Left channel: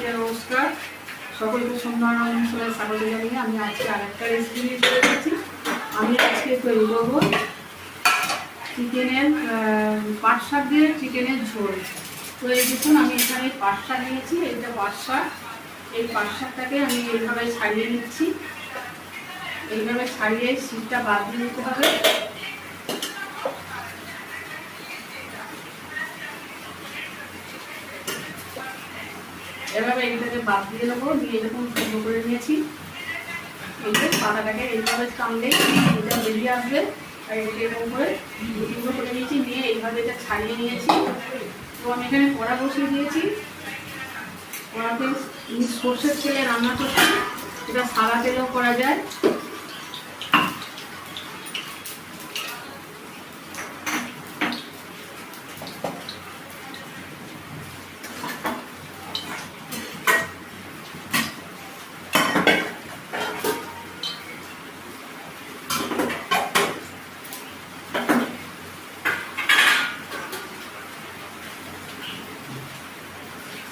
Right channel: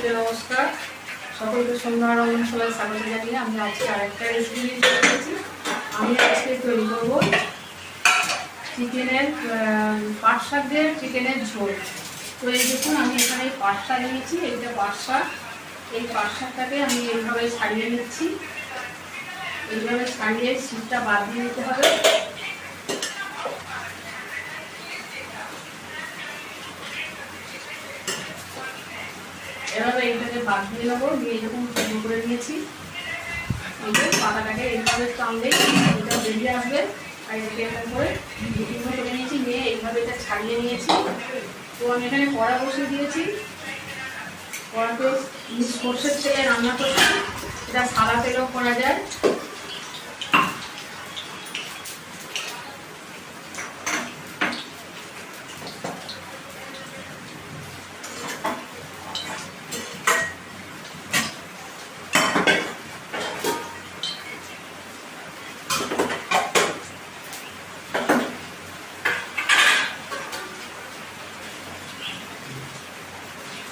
সকলকে নমস্কার। সকলকে সন্ধ্যার অনুষ্ঠানে স্বাগত জানিয়ে আমি আজকে আরেকটা রেসিপি নিয়ে চলে এসেছি। আমি আজকে তৈরি করবো চিকেনের পাট শাক দিয়ে চিকেনের ঝোল। তো এই দেখুন আমি এখানে পাট শাক নিয়েছি, এইটা পাট শাক। এই পাট শাকটাকে আমি এইভাবে ছাড়িয়ে নিচ্ছি। এইভাবে ছাড়িয়ে শীতটা বাদ দিয়ে দিতে হবে। এভাবে এইটাকে বাদ দিয়ে নেবো, দিয়ে যখন শুকনো করে নিয়েছি এই যে পাতাটাকে এইভাবে টানলেই এটা বেরিয়ে আসবে। আর এটাকে এরকম করে শুকনো করে নিয়েছি, নিয়ে এইভাবে এটা ছাড়িয়ে নিয়েছি। তো আমি এখানে কড়া বসিয়ে দিয়েছি, কড়াতে সর্ষের তেলে রান্না করছি, এটা সাদা তেলেও করা যায়।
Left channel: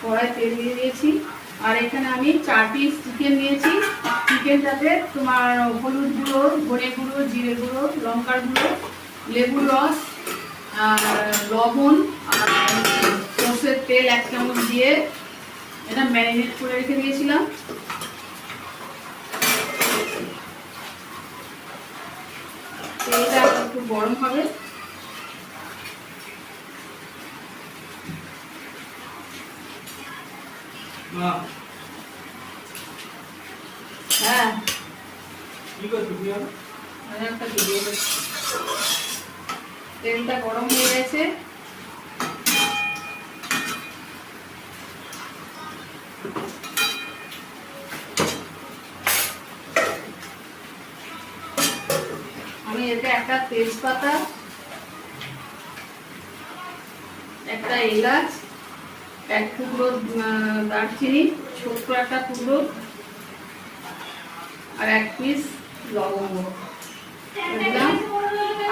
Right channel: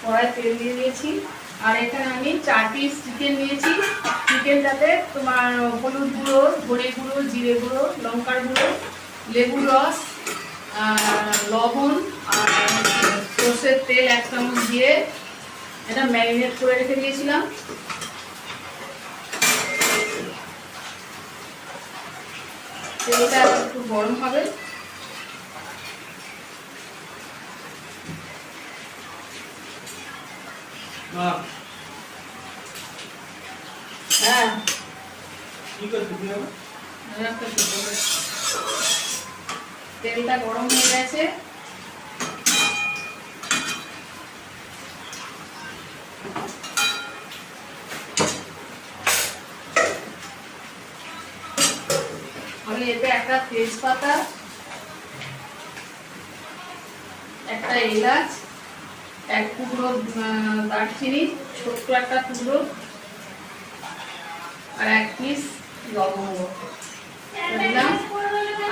কড়াই তেল দিয়ে দিয়েছি, আর এখানে আমি 4 পিস চিকেন নিয়েছি। চিকেনটাতে তোমার হলুদ গুঁড়ো, ধনে গুঁড়ো, জিরে গুঁড়ো, লঙ্কার গুঁড়ো, লেবুর রস, লবণ আর সর্ষের তেল 1 চামচ দিয়ে এটা ম্যারিনেট করে রেখে দিয়েছিলাম। তেলটা একটু গরম হবে। হ্যাঁ তেলটা গরম হয়ে গেছে। আমি এতে একটা তেজপাতা, একটা এলাচ, 1 টুকরো দারচিনি, ছোট্ট একটা টুকরো, আর 1 পিস লবঙ্গ দিলাম,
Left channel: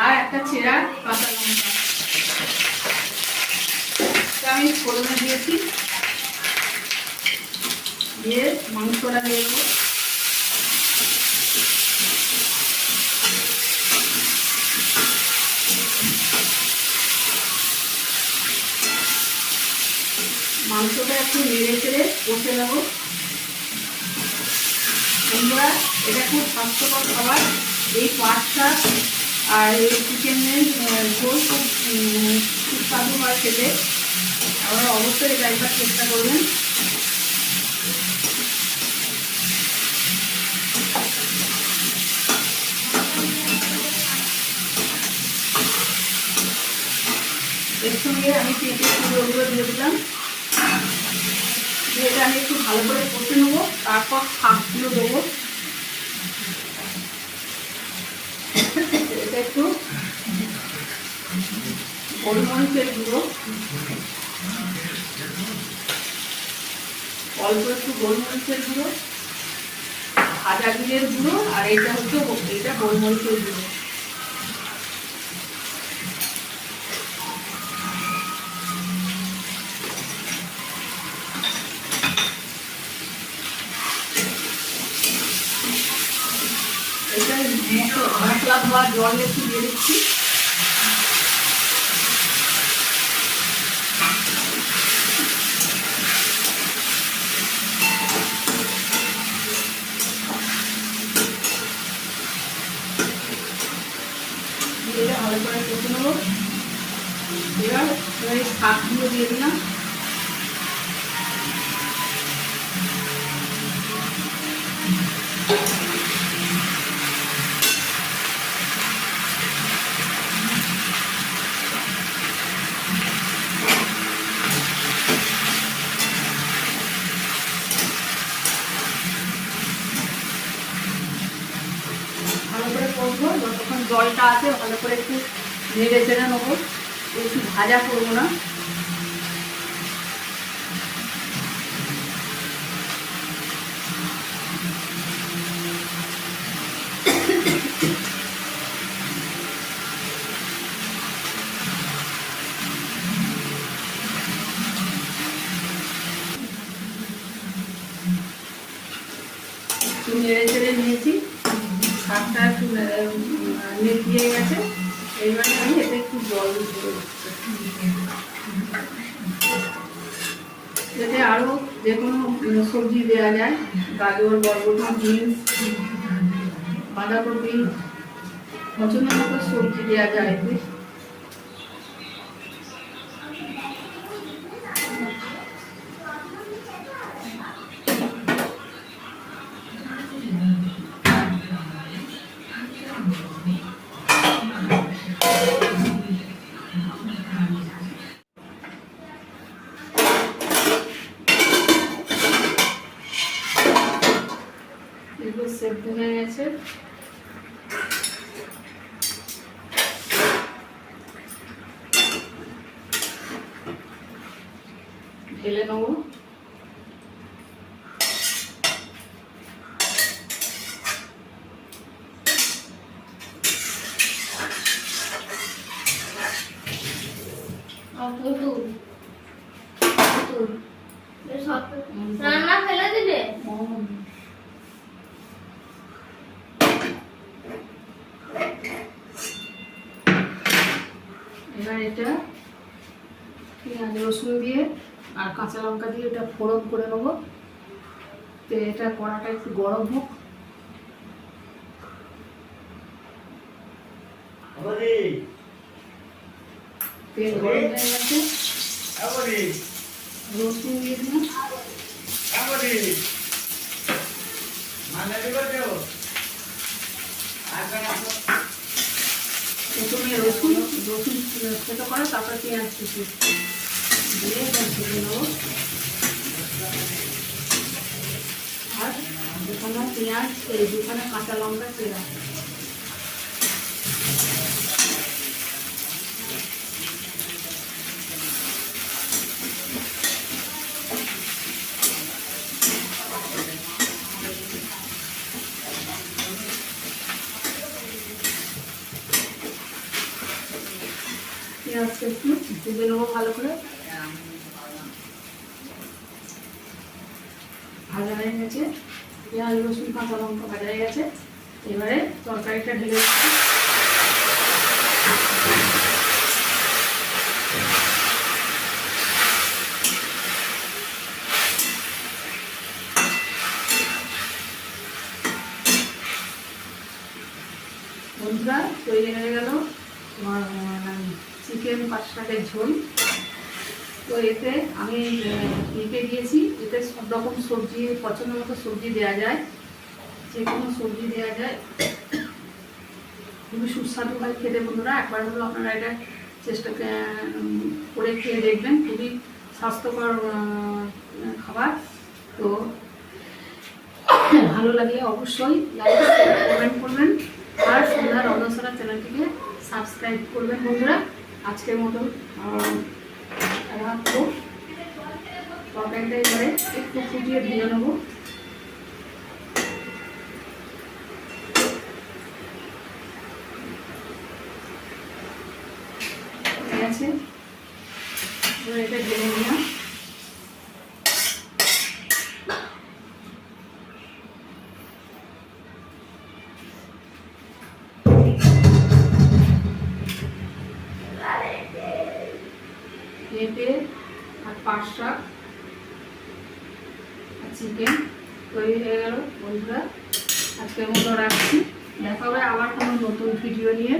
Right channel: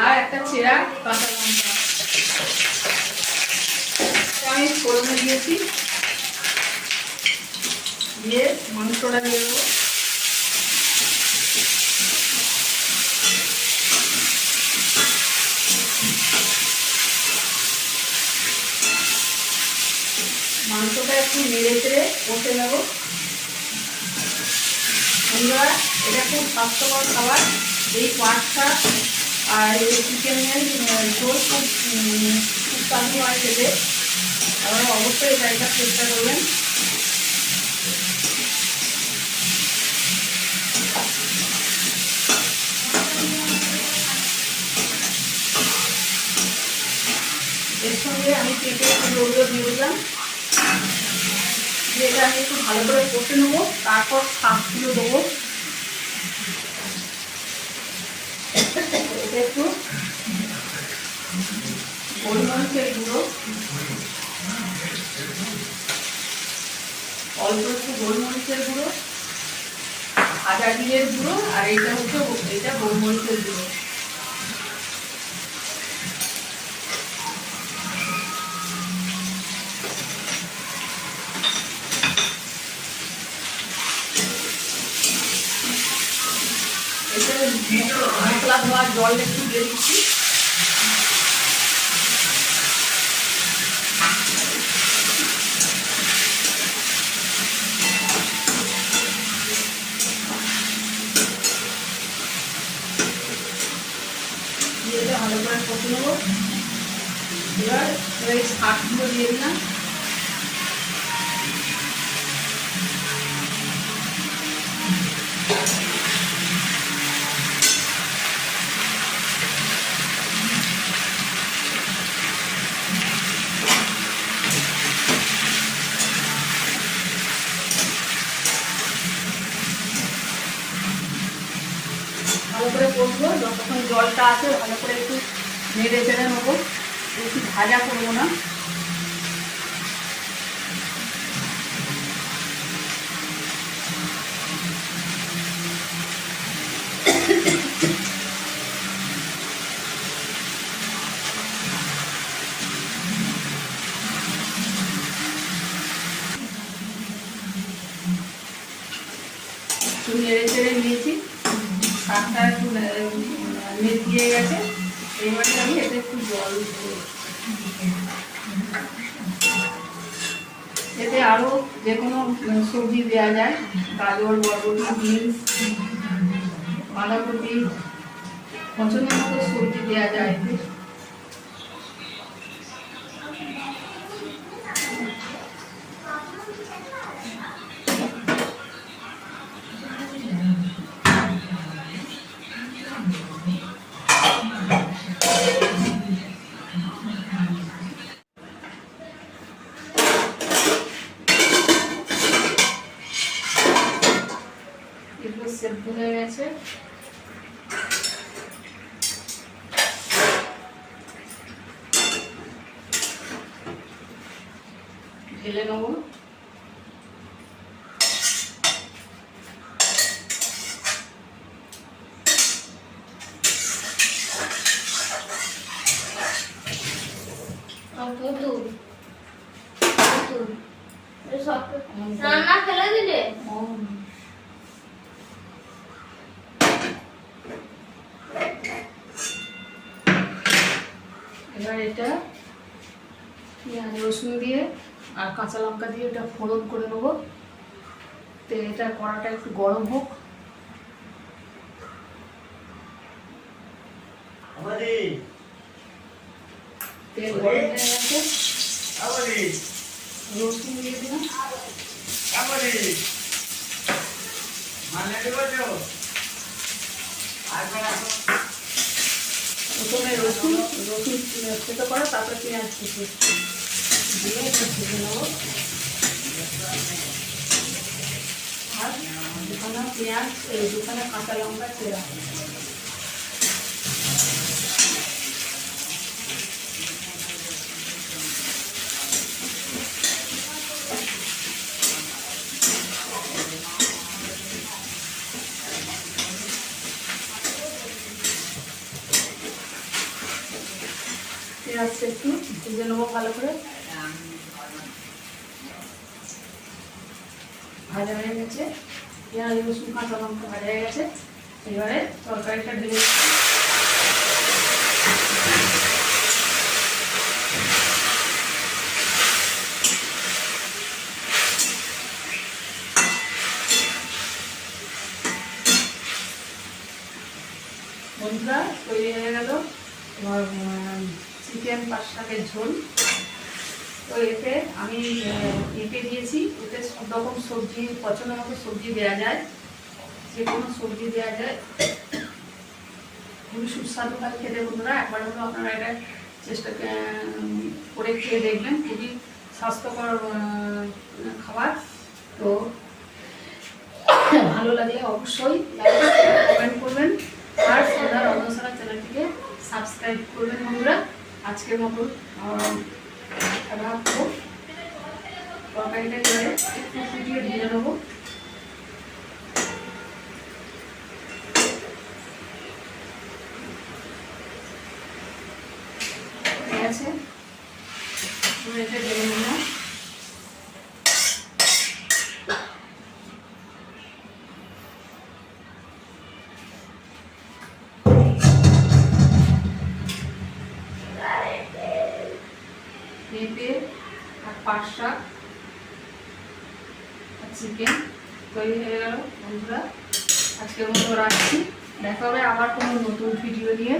আর একটা চেরা কাঁচা লঙ্কা আমি ফোড়নে দিয়েছি। দিয়ে মাংসটা দিয়ে দেবো। মাংসটা একটু নেড়ে চেড়ে কষে দেবো। বন্ধুরা, এটা খুব স্বাস্থ্যকর খাবার। এই পাট শাক আর এই চিকেনের ঝোল খুব স্বাদু হয় খেতে। আপনারা অবশ্যই এটা একবার চেষ্টা করবেন। এর সঙ্গে আমি পেঁপে একটু জলগুলো দিয়ে দিলাম। এটা আমি একটু ভালো করে কষে নেবো, তারপর শাকগুলো দেবো। এটা একটু গোলমরিচের গুঁড়ো, অল্প একটু গোলমরিচের গুঁড়ো, ভাজা জিরের গুঁড়ো, আর এটা হচ্ছে এটা গোলমরিচের গুঁড়ো। এটা মশলা ধোয়া জল একটু দিয়ে দিচ্ছি। এটা ভালো করে কষে নেবো। এবার এই শাকগুলো দিয়ে দিলাম। ভালো করে কষবো, যতক্ষণ জলটা আছে ভালো করে একটু নেড়ে চেড়ে নেবো, একটু ভাজা করবো না। একটু নেড়ে চেড়ে নিয়েছি, শাকটা একটু দিয়ে গেছে। এইবারে আমি এতে একটু জল দিতে হচ্ছে। এতে আরও যে কোনো সবজি দেওয়া যায়, গাজর, বরবটি, বিনস, বাঁধাকপি, পছন্দ মতো সবজি দেওয়া যায় এতে। এগুলো সেদ্ধ হয়ে গেছে। ঢেলে নেবো। রান্না ফেলে দিলে এবার এটা পেঁয়াজ রসুন দিয়ে আর কাঁচা লঙ্কা দিয়ে এটা ফোড়ন করে নেবো। তো এটা কড়াটা একটু গরম হোক। তেল গরম হয়ে গেছে, রসুন দিয়ে দিলাম। প্রথমে রসুন ছোটো করো, তারপর পেঁয়াজ কুচি দিয়ে এটা ভেজে নেবো। আর দুখানা পেঁয়াজ, দুখানা কাঁচা লঙ্কা চেরা। পেঁয়াজটা একটু ভেজে নেবো ভালো করে। ভাজা হয়ে গেছে, পেঁয়াজ রসুন কাঁচা লঙ্কা ভাজা হয়ে গেছে। এবারে তরকারিটা ঢেলে দিচ্ছি। বন্ধুরা, তৈরি হয়ে গেল চিকেন পাঁচ শাকের ঝোল। তো এতে আমি পেঁপে দিয়েছি, এতে সব রকম সবজি পছন্দ মতো সবজি দেওয়া যায়, যে কোনো সবজি দেওয়া যায়। খুবই সুস্বাদু হয় খেতে বন্ধুরা, একবার হলেও আপনারা এটা চেষ্টা করে খেয়ে দেখবেন। খুবই স্বাস্থ্যকর খাবার। তো ভালো লাগলে অবশ্যই লাইক কমেন্ট করবেন আর সন্ধ্যা রন্ধনশালা চ্যানেলটিকে সাবস্ক্রাইব করবেন বন্ধুরা। আজকের মতো রাখবো। তরকারিটা এবারে একটু ফুটিয়ে ভেজে নেবো। ঠিক আছে, এটা ঢেলে নিলাম। পেঁপে আর পাঁচ শাক আর চিকেন তৈরি হয়ে গেল বন্ধুরা। আজকের মতো রাখছি, দেখা হবে আবার কোনো নতুন ভিডিও নিয়ে।